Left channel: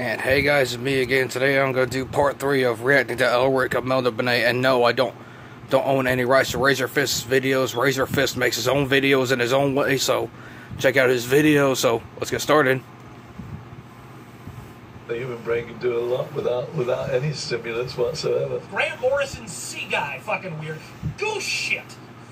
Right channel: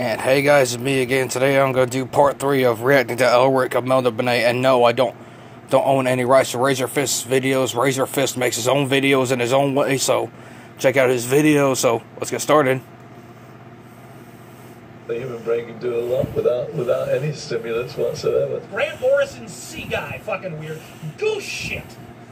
And hey guys, it's me again. Today I'm going to do part 3 of reacting to Elric of melnibone. And no, I don't own any rights to Razor Fist's videos. Razor Fist makes his own videos in his own way, so check out his videos. So let's get started. The human brain can do a lot without any stimulants whatsoever. Grant Morrison's sea guy, fucking weird. Goose shit,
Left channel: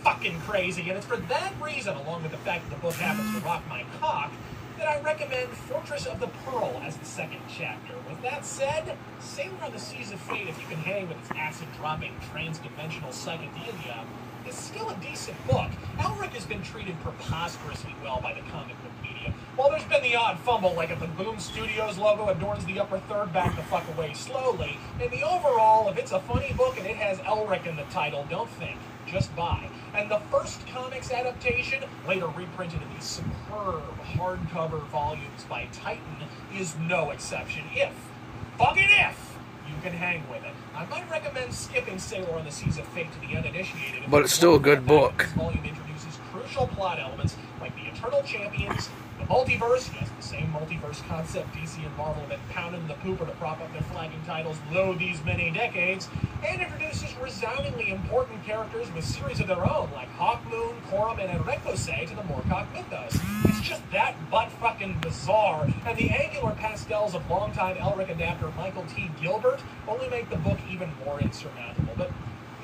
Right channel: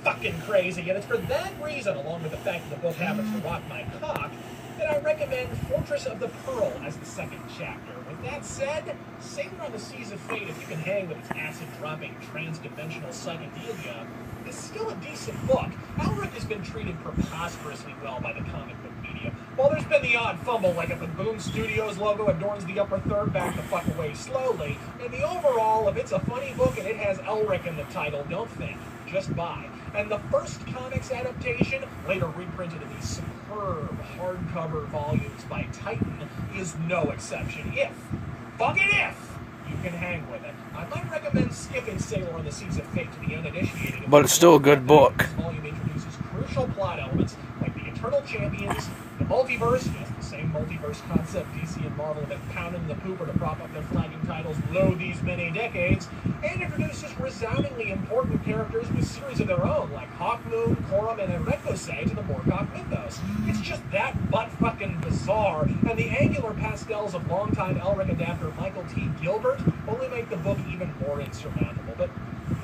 fucking crazy. And it's for that reason, along with the fact that the book happens to rock my cock, that I recommend Fortress of the Pearl as the second chapter. With that said, Sailor on the Seas of Fate, if you can hang with its acid-dropping, trans-dimensional psychedelia, is still a decent book. Elric has been treated preposterously well by the comic book media. While there's been the odd fumble, like if the Boom Studios logo adorns the upper third, back the fuck away slowly, and the overall, if it's a funny book and it has Elric in the title, don't think, just buy. And the first comics adaptation, later reprinted in these superb hardcover volumes by Titan, is no exception. If you can hang with it. I might recommend skipping Sailor on the Seas of Fate to the uninitiated. But it's still a good book. This volume introduces crucial plot elements like the Eternal Champions, the multiverse, yes, the same multiverse concept DC and Marvel have been pounding the pooper to prop up their flagging titles lo these many decades, and introduces resoundingly important characters with series of their own, like Hawkmoon, Corum, and Enrecosay to the Moorcock mythos. It's just that butt-fucking bizarre, and the angular pastels of longtime Elric adapter Michael T. Gilbert only make the book even more insurmountable. But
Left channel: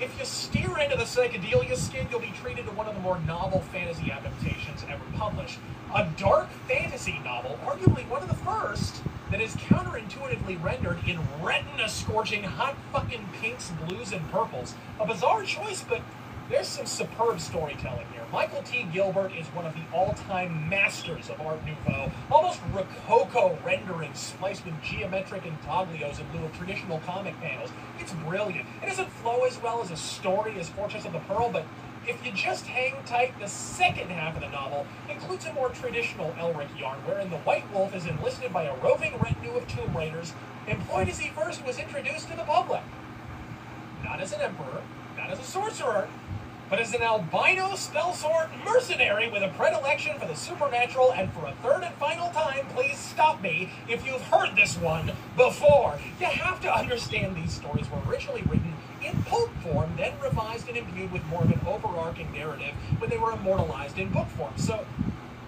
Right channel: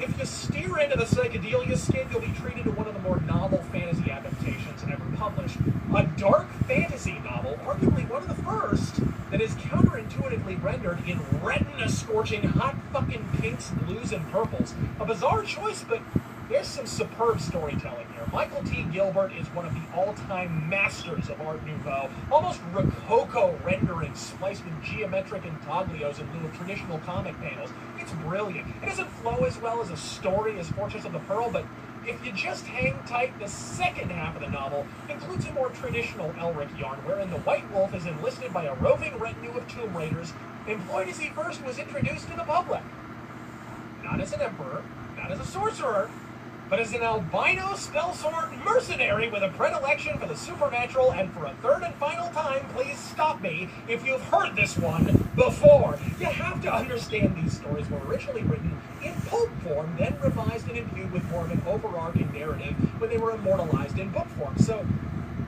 if you steer into the psychedelia skid, you'll be treated to one of the more novel fantasy adaptations ever published. A dark fantasy novel, arguably one of the first, that is counterintuitively rendered in retina-scorching hot fucking pinks, blues, and purples. A bizarre choice, but there's some superb storytelling here. Michael T. Gilbert is one of the all-time masters of Art Nouveau, almost Rococo renderings spliced with geometric intaglios in lieu of traditional comic panels. It's brilliant. It doesn't flow as well as a story as Fortress of the Pearl, but if you just hang tight, the second half of the novel includes a more traditional Elric yarn, wherein the White Wolf is enlisted by a roving retinue of Tomb Raiders, employed as he first was introduced to the public. Not as an emperor, not as a sorcerer, but as an albino spellsword mercenary with a predilection for the supernatural. And for a third and final time, please stop me if you've heard this one before. You have to understand these stories were originally written in pulp form, then revised and imbued with more of an overarching narrative when they were immortalized in book form. So,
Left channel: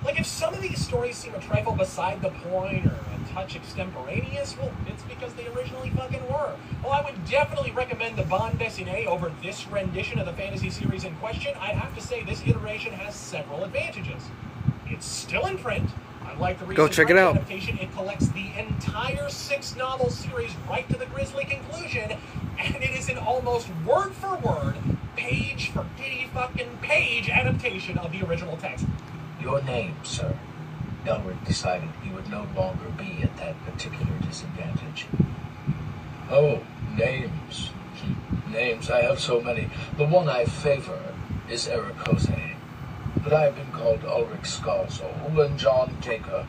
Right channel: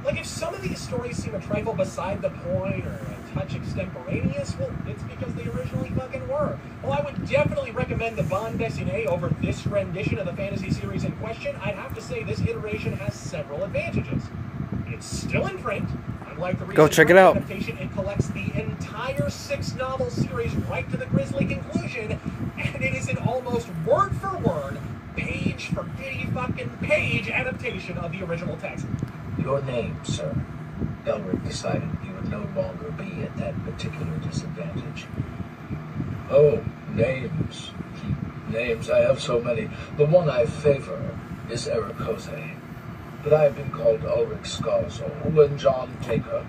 like, if some of these stories seem a trifle beside the point or a touch extemporaneous, well, it's because they originally fucking were. Well, I would definitely recommend the bande dessinée over this rendition of the fantasy series in question. I'd have to say this iteration has several advantages. It's still in print. Unlike the recent adaptation, it collects the entire 6-novel series right to the grisly conclusion, and it is an almost word-for-word, page-for-fucking-page adaptation of the original text. Your name, sir. Elric decided he would no longer be at that particular disadvantage. Oh, names. Names, I have so many. The one I favor is Ericose. But I have been called Ulrich Scarsol and John Taker,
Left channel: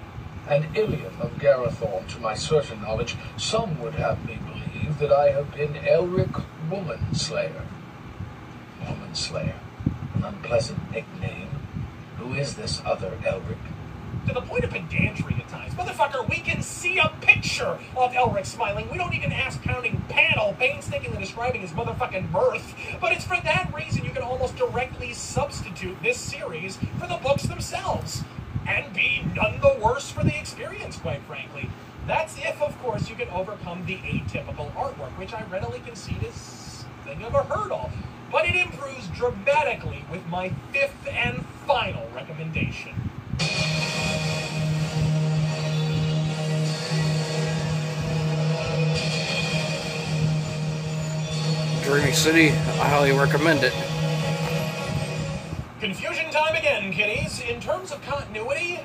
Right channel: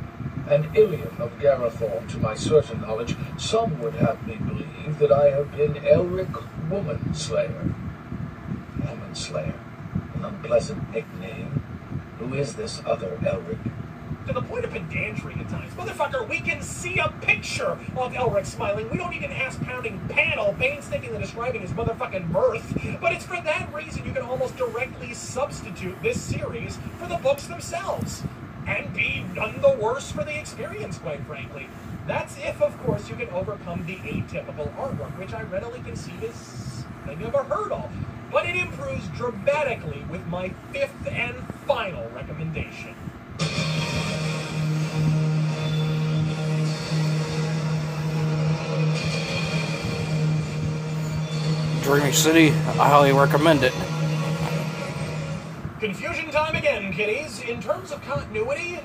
and Ilium of Garethorn. To my certain knowledge, some would have me believe that I have been Elric Womanslayer. Womanslayer, an unpleasant nickname. Who is this other Elric? To the point of pedantry at times. Motherfucker, we can see a picture of Elric smiling. We don't need an ass-pounding panel painstakingly describing his motherfucking birth. But it's for that reason you can almost directly substitute this series for the books themselves. And be none the worse for the experience, quite frankly. That's if, of course, you can overcome the atypical artwork, which I readily concede is a thing never heard of. But it improves dramatically with my 5th and final recommendation. Dreamy City, I highly recommend it. Confusion time again, kiddies. In terms of continuity,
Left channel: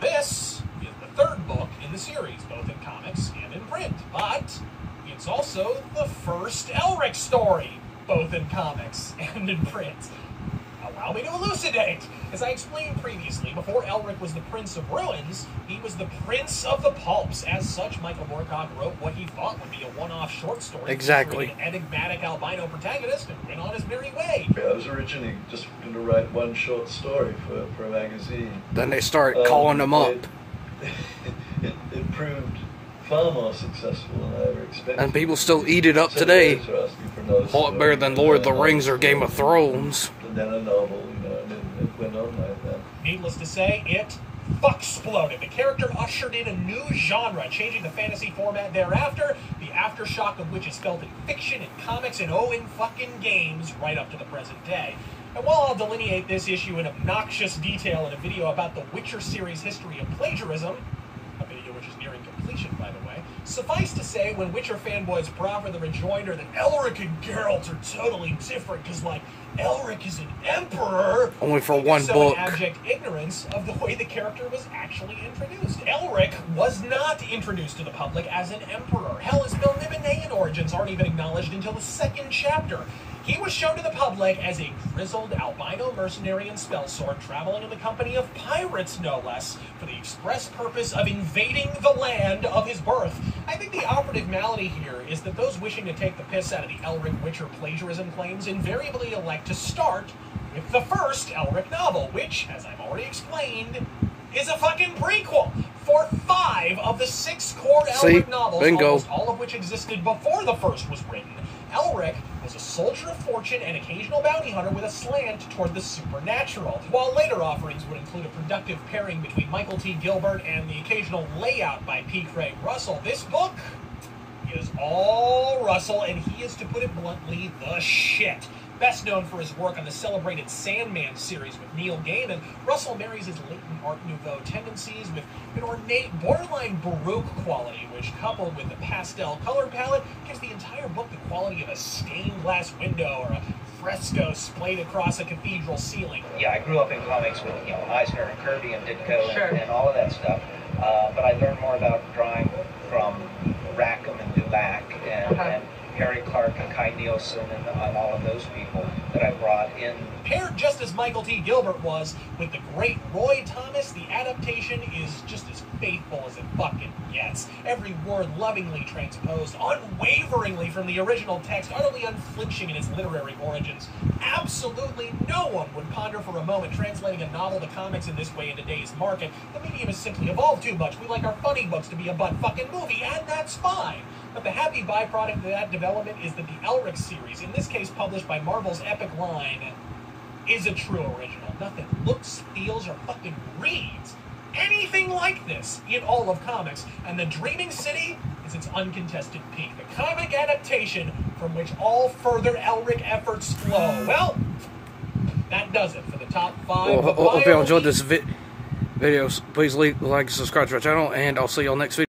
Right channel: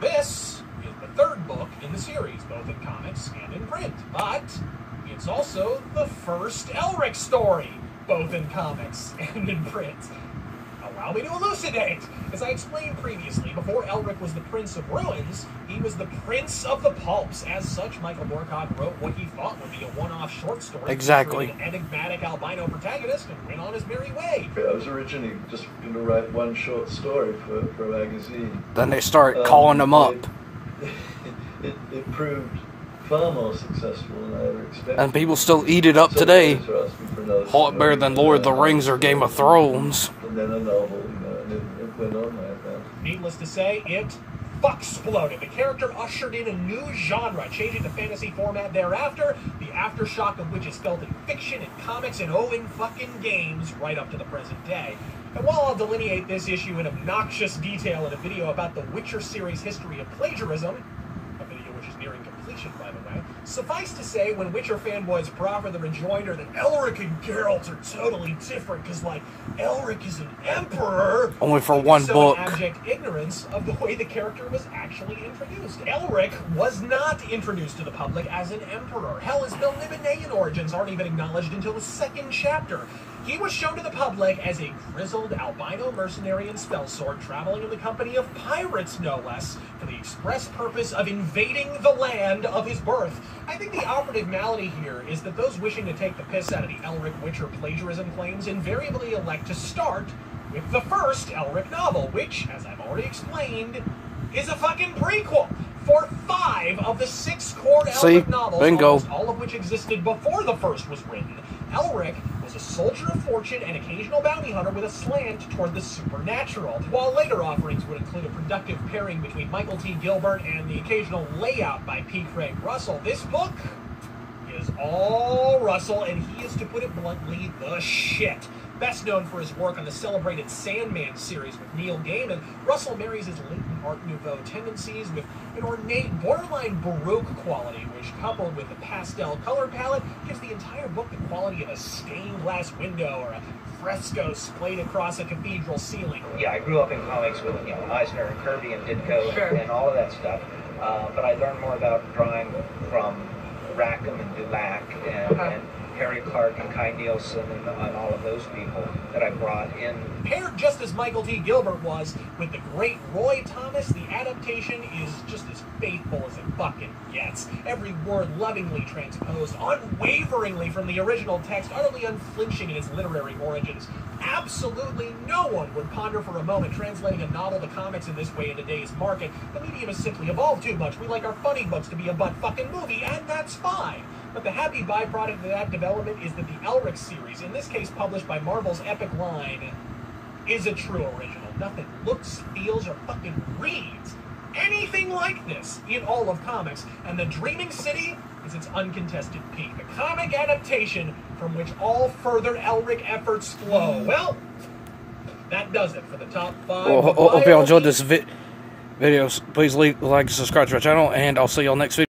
this is the 3rd book in the series, both in comics and in print. But it's also the first Elric story, both in comics and in print. Allow me to elucidate. As I explained previously, before Elric was the Prince of Ruins, he was the Prince of the Pulps. As such, Michael Moorcock wrote what he thought would be a one-off short story. Exactly. An enigmatic albino protagonist and went on his merry way. I was originally just going to write one short story for a magazine. Then they start calling him up. It proved far more successful than I ever expected. And people still eat it up today. A lot better than Lord of the Rings or Game of Thrones. And then a novel, you know, and it went on like that. Needless to say, it fuck-exploded. The character ushered in a new genre, changing the fantasy format thereafter, the aftershock of which is felt in fiction and comics and in fucking games right up to the present day. And while I'll delineate this issue in obnoxious detail in a video about the Witcher series history of plagiarism, a video which is nearing completion, by the way, suffice to say, when Witcher fanboys proffer the rejoinder that Elric and Geralt are totally different because, like, Elric is an emperor, only for one book. Abject ignorance of the way the character was actually introduced. Elric was not introduced to the public as an emperor. Hell, his melnibone origins aren't even acknowledged until the second chapter. He was shown to the public as a grizzled albino mercenary and spellsword traveling in the company of pirates, no less, for the express purpose of invading the land of his birth. I think the operative malady here is that those wishing to take the piss out of the Elric Witcher plagiarism claims invariably elect to start with the first Elric novel, which, as I've already explained, is a fucking prequel for 5 of the 6 core Elric novels, bingo. almost all of which existed before the first was written. Elric was a soldier of fortune and occasional bounty hunter with a slant toward the supernatural, while later offerings would include a productive pairing between Michael T. Gilbert and the occasional layout by P. Craig Russell. This book is all Russell, and he is, to put it bluntly, the shit. Best known for his work on the celebrated Sandman series with Neil Gaiman, Russell marries his latent Art Nouveau tendencies with an ornate, borderline Baroque quality, which, coupled with the pastel color palette, gives the entire book the quality of a stained glass window or a fresco splayed across a cathedral ceiling. Yeah, I grew up in comics with, you know, Eisner and Kirby and Ditko and all of that stuff, but I learned more about drawing from Rackham and Dulac and Harry Clark and Kai Nielsen and all of those people that I brought in. Paired just as Michael T. Gilbert was with the great Roy Thomas, the adaptation is just as faithful as it fucking gets. Every word lovingly transposed, unwaveringly from the original text, utterly unflinching in its literary origins. Absolutely no one would ponder for a moment translating a novel to comics in this way in today's market. The medium has simply evolved too much. We like our funny books to be a butt-fucking movie, and that's fine. But the happy byproduct of that development is that the Elric series, in this case published by Marvel's Epic Line, is a true original. Nothing looks, feels, or fucking reads anything like this in all of comics, and The Dreaming City is its uncontested peak, the comic adaptation from which all further Elric efforts flow. Well, that does it for the top 5. Well, hope y'all enjoyed this video. Please like and subscribe to our channel, and I'll see y'all next video.